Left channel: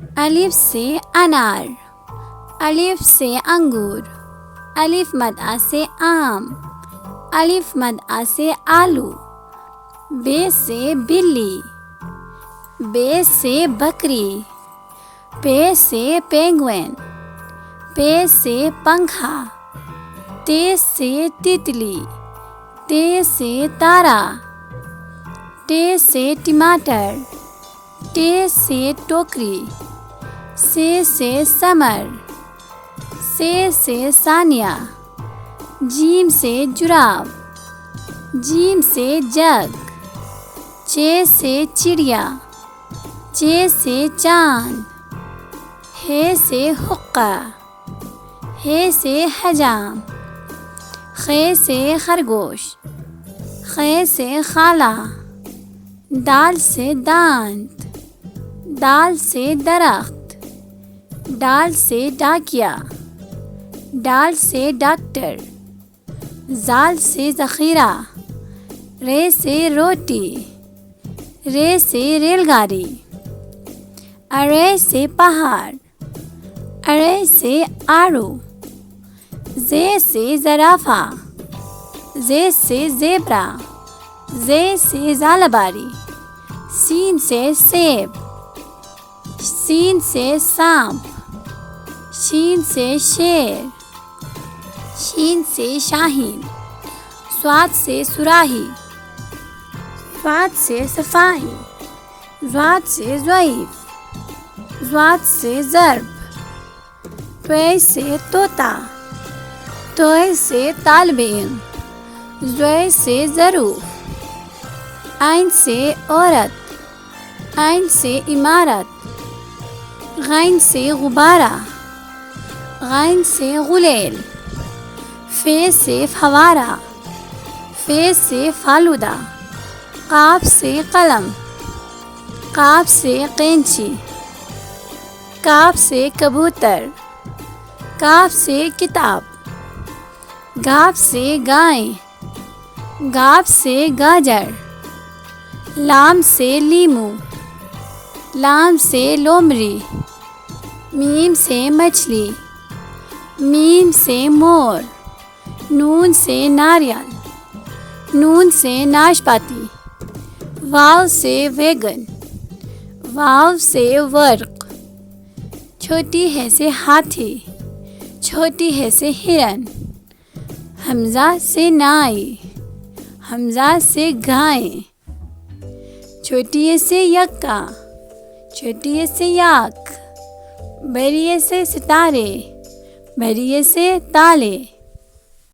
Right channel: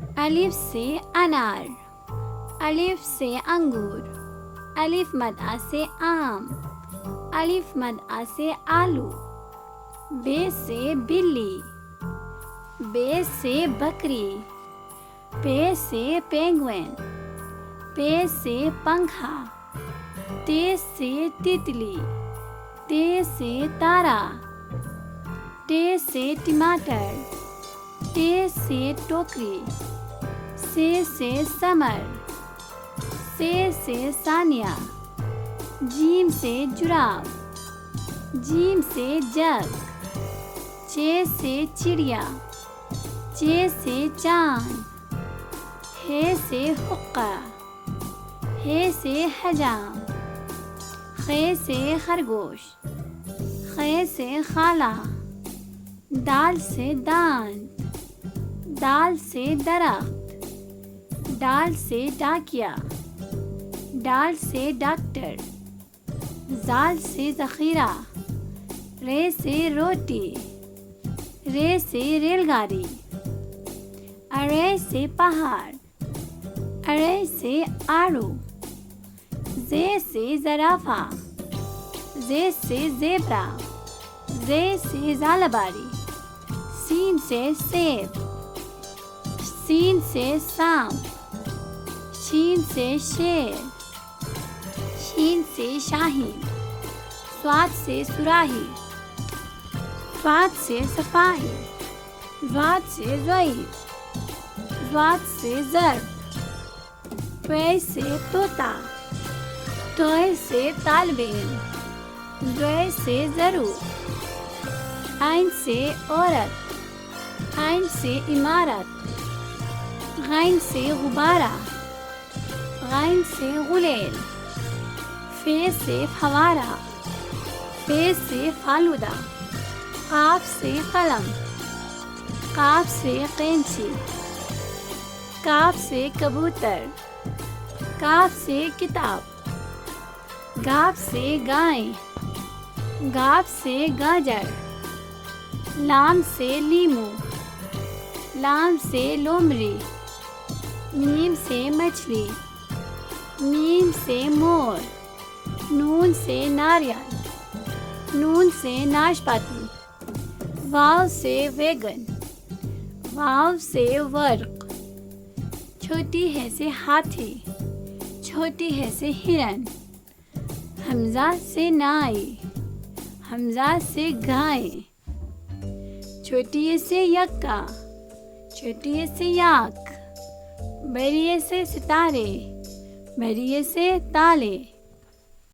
الف سے انار، الف سے انگور، الف مد آ سے آم، الف مد آ سے آلو، بے سے بلی، بے سے بکری، پے سے پینگوئن، پے سے پنکھا، تے سے تتلی، تے سے تارا، ٹے سے ٹماٹر، ٹے سے ٹوکری، سے سمر، سے ثانیہ، جیم سے جراب، جیم سے جگ، چے سے چڑیا، چے سے چاند، ہے سے حقہ، ہے سے حجام، خے سے خرگوش، خے سے خالہ، دال سے دانت، دال سے درخت، ڈال سے ڈاکیا، ڈال سے ڈاکٹر، زال سے ذخیرہ، رے سے روٹی، رے سے ریل گاڑی، ارے سے پہاڑ، ارے سے آڑو، زے سے زرافہ، زے سے زیبرا، زے سے زالباری، سین سے سیب، سین سے سانپ، شین سے شیر، شین سے شاہین، صاد سے صراحی، صاد سے صفائی، ضاد سے ضعیف، ضاد سے ضرب، طے سے طوطا، طے سے طالب علم، ضے سے ظروف، عین سے عورت، عین سے عمارت، غین سے غبارہ، غین سے غلیل، فے سے فوارہ، فے سے فالودہ، قاف سے قلم، قاف سے قینچی، کاف سے کبوتر، کاف سے کتاب، گاف سے گائے، گاف سے گاجر، لام سے لیمو، لام سے لومڑی، میم سے مچھلی، میم سے مور، نون سے ناریل، نون سے ناشپاتی، واو سے ویگن، واو سے ورق، چھوٹی ہے سے ہاتھی، چھوٹی ہے سے ہرن، حمزہ سے نائی، حمزہ سے گائے، چھوٹی سے یکا، چھوٹی سے یاک، بڑی سے ستارے، بڑی سے تالے،